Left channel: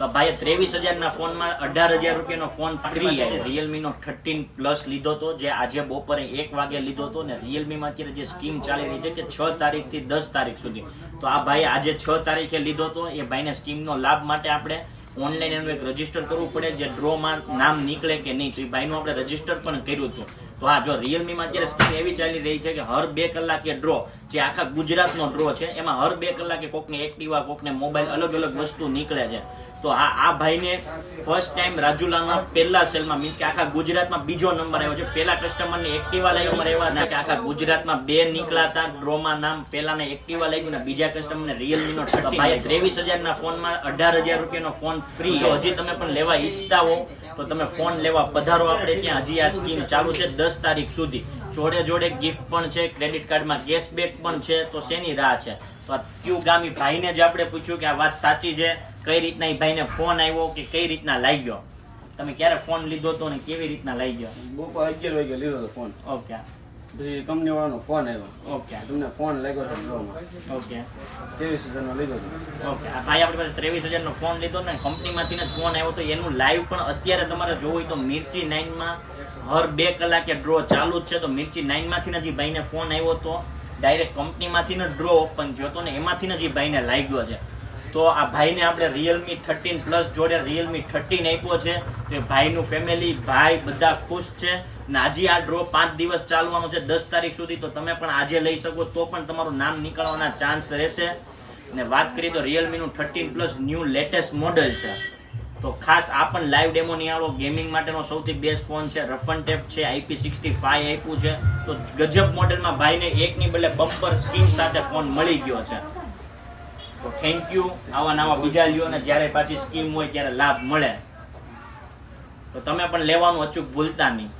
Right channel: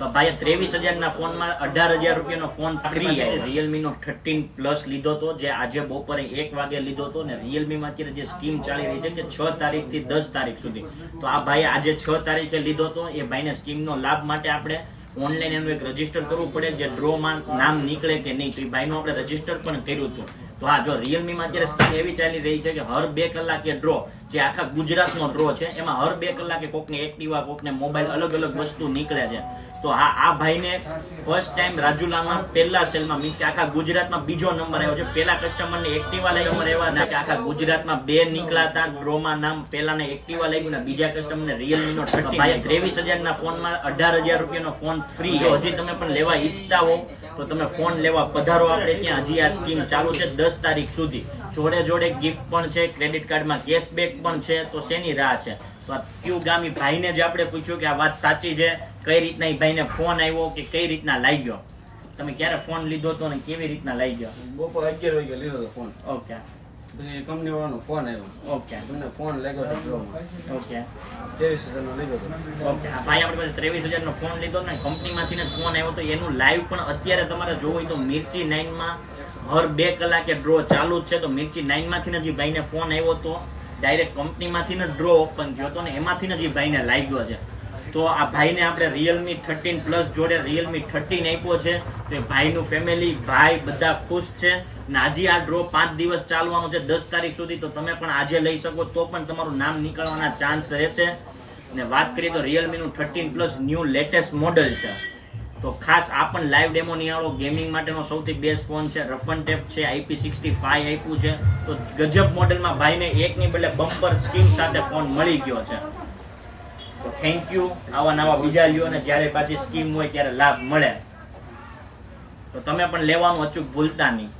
તો ભાઈ 23,000 ના ફોનમાં 18,000 રૂપિયાનો ફોન ફ્રી છે. Realme નો 13 પ્લસ લીધો તો, જે આજે બપોરે 1 વાગે લીધો તો ને. Realme માં અત્યારે જે સ્કીમ ચાલી રહી છે કે 6 તારીખ થી 10 તારીખ સુધી, તો આ ભાઈ આજે 6 તારીખે લીધો તો. એ ભાઈને સ્કીમનો લાભ માટે આપણે ઓનલાઈન એનું એક રજીસ્ટર કરવું પડે, જે ડ્રોમાં નામ નીકળે કે નહીં, તો એ ભાઈનું આપણે રજીસ્ટર પણ કર્યું હતું. તો હા, જો Realme માં અત્યારે સ્કીમ એવી ચાલી રહી છે કે હર 2 કલાકે ડ્રો, જે આખા ગુજરાતનો ડ્રો છે, એમાં હર 2 કલાકે કોકને એક્ટિવા, કોકને મોબાઈલ, અલગ અલગ વસ્તુ નીકળે છે. તો હા, આ ભાઈને ફર્સ્ટ ટાઈમ રાજુલામાં પહેલા સેલમાં, મીન્સ કે આખા ગુજરાતમાં બીજો નંબર આવ્યો છે. પહેલા કસ્ટમરને એક્ટિવા નંબર આવ્યા છે કે આખા ગુજરાતમાં 2 નીકળાતા ડ્રોમાં નામ. પહેલાને એક્ટિવા લાગ્યું ને બીજા કસ્ટમરને Realme નો 23,000 ના ફોનમાં 18,000 રૂપિયાનો ફોન ફ્રી. જો હજી તમે પણ લેવા ઈચ્છતા હો તો તમે ફોન લેવા પધારો આપણે ત્યાં. હજી આ સ્કીમ ચાલુ છે 10 તારીખ સુધી. જોડે જોડે ગિફ્ટ પણ છે, ક્રેડિટ કાર્ડમાં કેશબેક પણ છે. તો શેની રાહ છે? તો ક્યુ ગામી ભાઈને જ આપણે પૂછ્યું કે આ વાત સાચી છે, કઈ રીતના એ ભાઈને ફોન આવ્યો કે કઈ રીતના લાગ્યો. તમે ક્યારે ફોન લીધો તો ને કેવી રીતના લાગ્યો? બપોર 11 વાગે લીધો હતો ફોન. ઓકે. પછી કંપની વાળાનો ફોન આવ્યો. ઓકે. તમને ફોન લાગ્યો છે ડ્રોમાં. ઓકે. 23,000 નો લીધો હતો. ઓકે. આ ભાઈ આપણી પાસે 23,000 નો ફોન લીધો ને, કંપનીમાંથી જ ફોન આવ્યો. તો એનું લાઈવ પણ અત્યારે તમારે જોવું હોય તો મિર્ચી 9 માં હર 2 કલાકે ડ્રો ચાલુ જ છે. તો મિર્ચી 9 માંથી જ ભાઈને ફોન આવ્યો તો, ડાયરેક્ટ કંપનીમાંથી જ ડ્રો ઓપન થયો હતો ને એમાંથી જ ભાઈને લાગ્યો છે. તો આ ભાઈને આપણે Realme 13 પ્લસ જોડે Realme 13 આપ્યો છે. તો એ ભાઈનું ફેમિલી, ભાઈ બધા ખુશ છે. ને આજે આ ડ્રો 5 દિવસ ચાલવાનો છે, 10 તારીખ સુધી. તો તમે પણ આજે લઈ શકો તો પણ તમારું નામ નીકળવાના ચાન્સ રહેશે. ને વાત કરીએ તો Realme નું 13 પ્લસ ન્યૂ લેટેસ્ટ મોડેલ છે. તો ખાસ આ પણ લાઈવ ડેમો નિહાળો. ગેમિંગ માટેનો સૌથી બેસ્ટ ફોન છે. રફ એન્ડ ટેપ છે, IP65 આપ્યું છે. તો ગજબ મોડેલમાં ભાઈને એકની બદલે બમ્પર સ્કીમ સાથે ફોન મળી ગયો છે. તો થેન્ક યુ. આવા નવા બીજા લ્યો ને જ્યારે પાછી સ્કીમ હોય ત્યારે લાભ મળે. તો તમે પણ લેવાનું અચૂક ભૂલતા નહીં.